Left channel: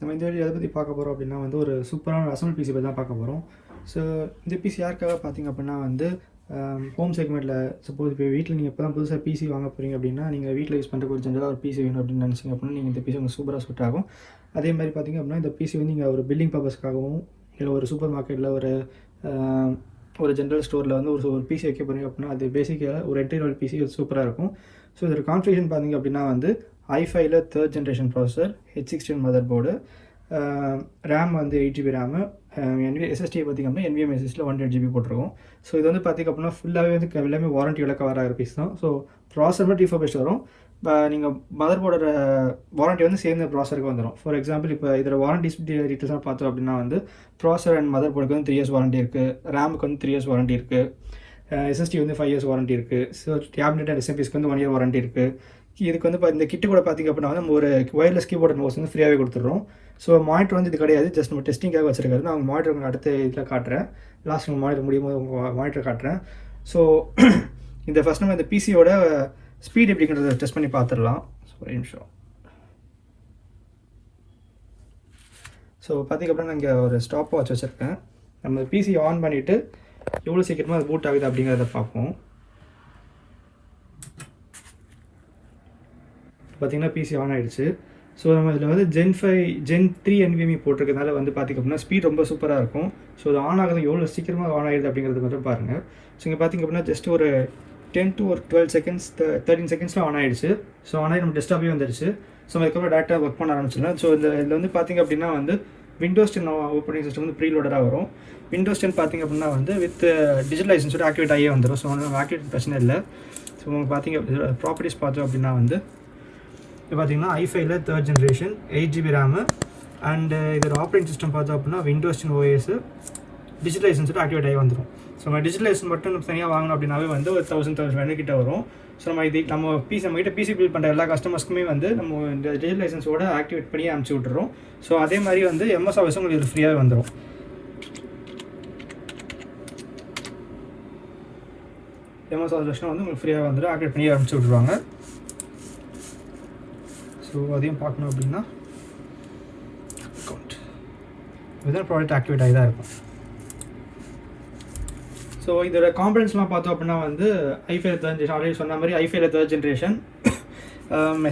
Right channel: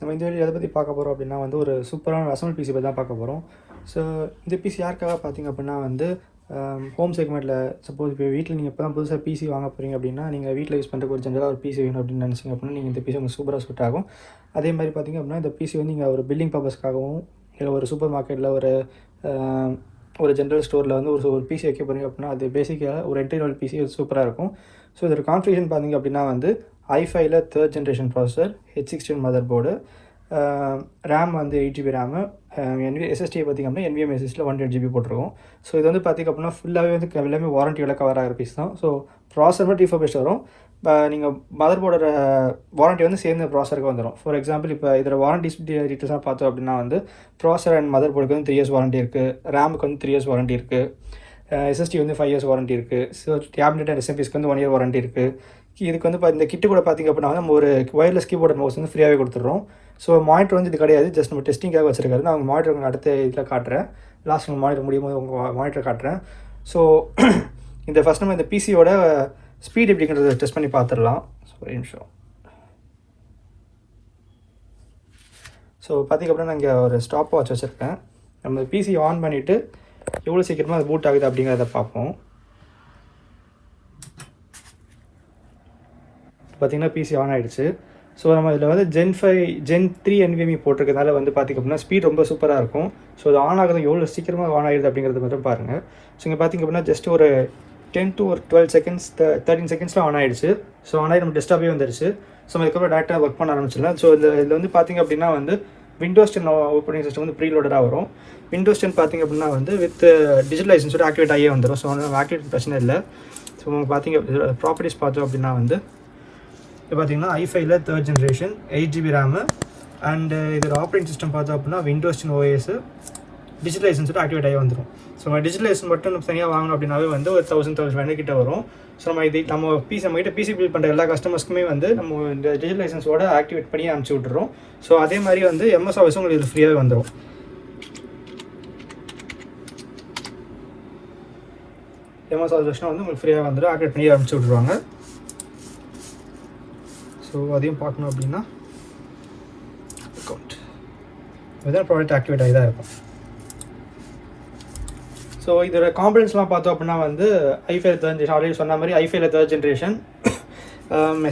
நம்ம இந்த வீடியோ எதை பற்றி பார்க்க போகிறோம் அப்படின்னா வந்து ஒரு சூப்பரான அசம்பிள் பிசி பற்றி தான் பார்க்க போகிறோம். ஸோ இந்த பிசி யாருக்காக பார்த்தீங்க அப்படின்னா வந்து ஹோம் செக்மெண்ட்டில் சப்போஸ் இப்போ வீட்டில் நீங்கள் இப்போ தான் புதுசாக பிசி வாங்க போகிறீங்க அப்படின்னா நீங்கள் வீட்டில் யூஸ் பண்ணுறதுக்கு ஒரு ஜென்ரலாக ஒரு பிசி வேணும் அப்படின்னு நினச்சிங்க அப்படின்னா நீங்கள் இந்த பிசி உங்களுக்கு சூப்பராக சூட் ஆகும். அதே மாதிரி பார்த்திங்க அப்படின்னா இந்த பிசி வந்து நீங்கள் ஒரு பில்டிங் பர்பஸ்க்காகவும் இல்லை ஒரு சூப்பர் மார்க்கெட்டில் ஒரு ஜென்ரல் ஸ்டோரில் வந்து ஒரு பிசி வைக்க போகிறீங்க அப்படின்னா அது பேசிக்காக ஒரு என்ட்ரி லெவல் பிசி சூப்பராக இருக்கும். ஸோ இதோட கான்ஃபிகரேஷன் பார்த்திங்க அப்படின்னா வந்து i5ல 3rd generation processor, H16 mother board, RAM வந்து 8GB ரேமு, எஸ்எஸ்டி பார்த்திங்க அப்படின்னா NVMe SSDல 128GB போட்டிருக்கோம். ஸோ இது வந்து பார்த்திங்க அப்படின்னா ஃபுல்லாகவே வந்து எல்லாமே வாரண்டியோட கவர் ஆகிற பீஸ் தான். ஸோ ப்ராசஸர் மட்டும் ரீஃபர்பிஷ்ட் வரும். நீங்கள் மதர் போர்டோட வாரண்ட்டி வந்து சேர்ந்த ப்ராசருக்கு வந்துடும். ஃபார் எக்ஸாம்பிள் இப்போ இதில் வாரண்டி டீட்டெயில்ஸாக பார்த்தோம் அப்படின்னா வந்து ப்ராசஸர் அண்ட் மதர் போர்டுக்கு வந்து 3 years வாரண்ட்டி இருக்குது, ரேமுக்கு வந்து 3 years வாரண்ட்டி இருக்குது, எஸ்எஸ்டி வந்து 5 years வாரண்ட்டி இருக்குது, ஸோ கேபினெட் அண்ட் எஸ்எம்பிஸ்க்கு வந்து 1 year வாரண்ட்டி இருக்குது. இதுக்கு வந்து இந்த கிட்டு கூட பார்த்திங்க அப்படின்னா வந்து நம்ம ஒரு ஒயர்லெஸ் கீபோர்ட் மவுஸ் வந்து ஃப்ரீயாகவே கொடுத்துட்றோம். ஸோ மானிட்டர் வந்து இது கிடையாது, ஜஸ்ட் நம்ம டெஸ்டிங்காக வச்சிருக்காரு. நான் உங்கள் மானிட்டர் அடுத்த இதில் காட்டுறேன், லாஸ்ட் உங்கள் மானிட்டர் முடியும் போது உங்கள் மானிட்டர் காட்டுறேன். ஸோ இந்த ஃபஸ்ட் நம்ம இந்த பிசியோட ஸ்பீட் எப்படிங்கிறத டெஸ்ட் பண்ணி பார்த்துடலாம். ஸோ ஒரு நிமிஷம். ஸோ பார்த்திங்க அப்படின்னா நான் இங்கே ஒரு ஸ்டாப் வாட்ச் வச்சுருக்கேன். நம்ம பிசி ஆன் பண்ணிவிட்டு எவ்வளோ சீக்கிரமாக அது பூட் ஆகுது அப்படிங்கிறத பார்ப்போம். பார்த்திங்கன்னா பிசி ஆன் ஆகிடுச்சு. ஸோ நம்ம இதில் வந்து Gen 3 NVMe போட்டிருக்கிறதுனால வந்து பார்த்திங்க அப்படின்னா ஸ்பீட் ரொம்ப சூப்பராக இருக்கும். ஸோ அது ஆன் ஆகுது எவ்வளோ சீக்கிரமாக ஆன் ஆகிடுது அப்படிங்கிறது மட்டும் பாருங்கள். ஸோ இங்கே பார்த்திங்க அப்படின்னா ஜஸ்ட் ஒரு 10 to 12 seconds 13 செகண்ட்ஸில் ஆன் ஆகிடுச்சு. ஸோ ஆன் ஆகி நம்ம டெஸ்க்டாப்பே வந்துடுச்சு. ஸோ அதுக்கப்புறம் டேரெக்டாக ஒர்க் பண்ண ஆரம்பிச்சிடலாம். ஸோ இதில் வந்து பார்த்திங்க அப்படின்னா வந்து Windows 10 ஆப்பரேட்டிங் சிஸ்டம் வந்து ப்ரீலோடராக வரும். Windows 10 பார்த்திங்க அப்படின்னா வந்து வித் டிஜிட்டல் லைசன்ஸோட ஆக்டிவேட் ஆகியே வந்துடும். ஸோ நம்ம ஆக்டிவேட் பிரச்சனை இல்லை. ஸோ பார்த்திங்க ப்ராப்பர்ட்டிஸ் பார்த்தோம் அப்படின்னா வந்து இப்போ பார்த்திங்கன்னா i5ல 3rd generation 8GB RAM and இதோட ஆப்ரேட்டிங் சிஸ்டம் பார்த்தோம் அப்படின்னா Windows 10 OS டிஜிட்டல் லைசன்ஸோட ஆக்டிவேட் ஆகி வந்துடும். ஸோ நம்ம டிஜிட்டல் லைசன்ஸ் மட்டும் நம்ம தனியாக வாங்கணும் அப்படின்னாவே வந்து ஒரு 1000 கிட்ட வரும். ஸோ நம்ம பிசி பில்ட் பண்ணுற எல்லா கஸ்டமர்ஸ்க்குமே வந்து நம்ம இந்த டிஜிட்டல் லைசன்ஸோட ஆக்டிவேட் பண்ணி அனுப்பிச்சி விட்டுறோம். ஸோ அதே மாதிரி வந்து MS Office உங்களுக்கு இது ஃப்ரீயாகவே வந்துடும். MS Office வந்து உங்களுக்கு ஃப்ரீயாக வந்துடும், ஆக்டிவேட் பண்ணி அனுப்பிச்சி விட்ருவாங்க. ஸோ அதையும் பார்க்கணும் அப்படின்னா அக்கௌண்ட் இதுதான் ப்ராடக்ட் ஆக்டிவேட் ஆகி தான் இருக்கும். ஸோ இதோட காம்பனன்ட்ஸ்லாம் பார்த்தோம் அப்படின்னா வந்து i5ல 3rd ஜென்ரேஷன் ஆல்ரெடி சொன்ன மாதிரி i5ல 3rd ஜென்ரேஷன்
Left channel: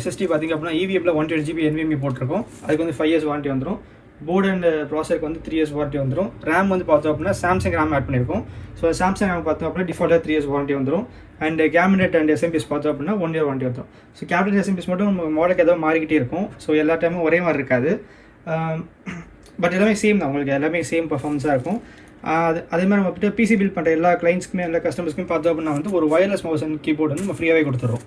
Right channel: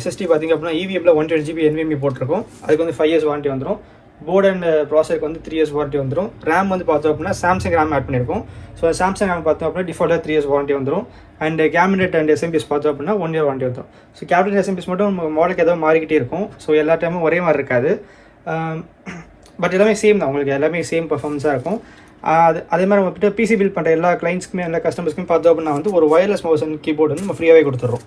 SSD பார்த்திங்க அப்படின்னா EVMல 128GB NVMe போட்டிருக்கோம். அதுக்கு வந்து 5 years வாரண்ட்டி வந்துடும். போர்டு அண்ட் ப்ராசருக்கு வந்து 3 years வாரண்ட்டி வந்துடும். ரேம் வந்து பார்த்தோம் அப்படின்னா சாம்சங் ரேம் ஆட் பண்ணியிருக்கோம். ஸோ சாம்சங் ரேம் பார்த்தோம் அப்படின்னா டிஃபால்ட்டாக 3 years வாரண்ட்டி வந்துடும். அண்ட் கேபினெட் அண்ட் எஸ்எம்பிஎஸ் பார்த்தோம் அப்படின்னா 1 year வாரண்ட்டி வந்துடும். ஸோ கேபினெட் எஸ்எம்பிஎஸ் மட்டும் மாடலுக்கு ஏதாவது மாறிக்கிட்டே இருக்கும். ஸோ எல்லா டைமும் ஒரே மாதிரி இருக்காது. பட் எல்லாமே சேம் தான், உங்களுக்கு எல்லாமே சேம் பர்ஃபார்மன்ஸாக இருக்கும். அதே மாதிரி நம்ம கிட்ட பிசி பில்ட் பண்ணுற எல்லா கிளைண்ட்ஸ்க்குமே எல்லா கஸ்டமர்ஸ்க்குமே பார்த்தோம் அப்படின்னா வந்து ஒரு ஒயர்லெஸ் மவுஸ் அண்ட் கீபோர்டு வந்து நம்ம ஃப்ரீயாகவே கொடுத்துட்றோம்.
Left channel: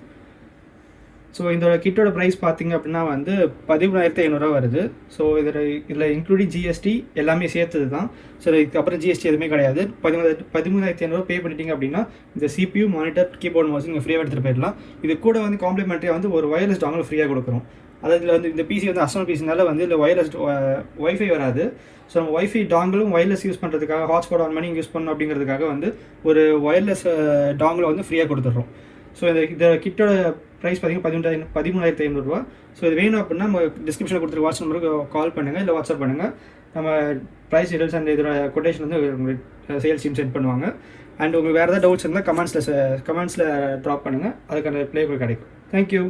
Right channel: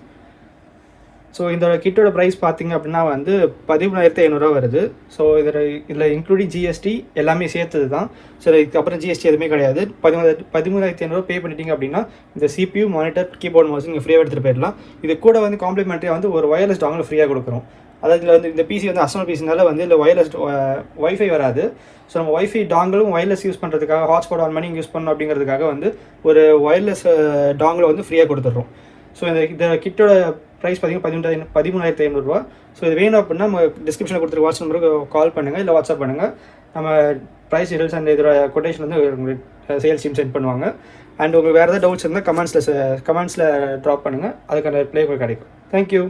ஸோ இந்த கிட்டோட ப்ரைஸ் பார்த்திங்க அப்படின்னா வந்து 13,500 வருது. ஸோ இதில் இன்க்ளூடிங் ஜிஎஸ்டி எல்லாமே சேர்த்தது தான். ஸோ இதுக்கப்புறம் ஜிஎஸ்டி எதுவுமே கிடையாது. 13,500 பே பண்ணிட்டீங்க அப்படின்னா இந்த CPU, மானிட்டர், கீபோர்டு மவுஸ் நீங்கள் ஃப்ரீயாக எடுத்துகிட்டு போயிடலாம். இது கூட வந்து காம்ப்ளிமெண்ட்ரியாக வந்து ஒரு ஒயர்லெஸ் டாங்கில் ஃப்ரீயாக கொடுக்குறோம். அதாவது இதில் வந்து இந்த பிசி வந்து அசனல் பிசினால வந்து இல்லை ஒயர்லெஸ் வைஃபை வராது. ஸோ நம்ம வைஃபை டாங்கிலும் ஒயர்லெஸ் யூஸ் பண்ணுறதுக்காக ஹாட்ஸ்பாட் ஆன் பண்ணி யூஸ் பண்ணணும் அப்படிங்கிறதுக்காக வந்து ஒரு ஒயர்லெஸ் டாங்கில் வந்து ஃப்ரீயாக கொடுத்துட்றோம். ஸோ இந்த கிட்டோட ப்ரைஸ் பார்த்திங்கன்னா 13,500. ஸோ இது வேணும் அப்படின்னா நம்ம டிஸ்கிரிப்ஷனில் கொடுத்துருக்க வாட்ஸ்அப் நம்பருக்கு கால் பண்ணுங்கள், இல்லை வாட்ஸ்அப் பண்ணுங்கள். நம்ம ப்ரைஸ் டீடைல்ஸ் அந்த இதோட கொட்டேஷன் வந்து உங்களுக்கு சேல்ஸ் டீம் சென்ட் பண்ணுவாங்க. அண்ட் உங்களுக்கு வேறு ஏதாவது டவுட்ஸ் இருந்தால் கமெண்ட்ஸில் ட்ராப் பண்ணுங்கள், அதுக்கான ரிப்ளை கிடைக்கும். தேங்க்யூ.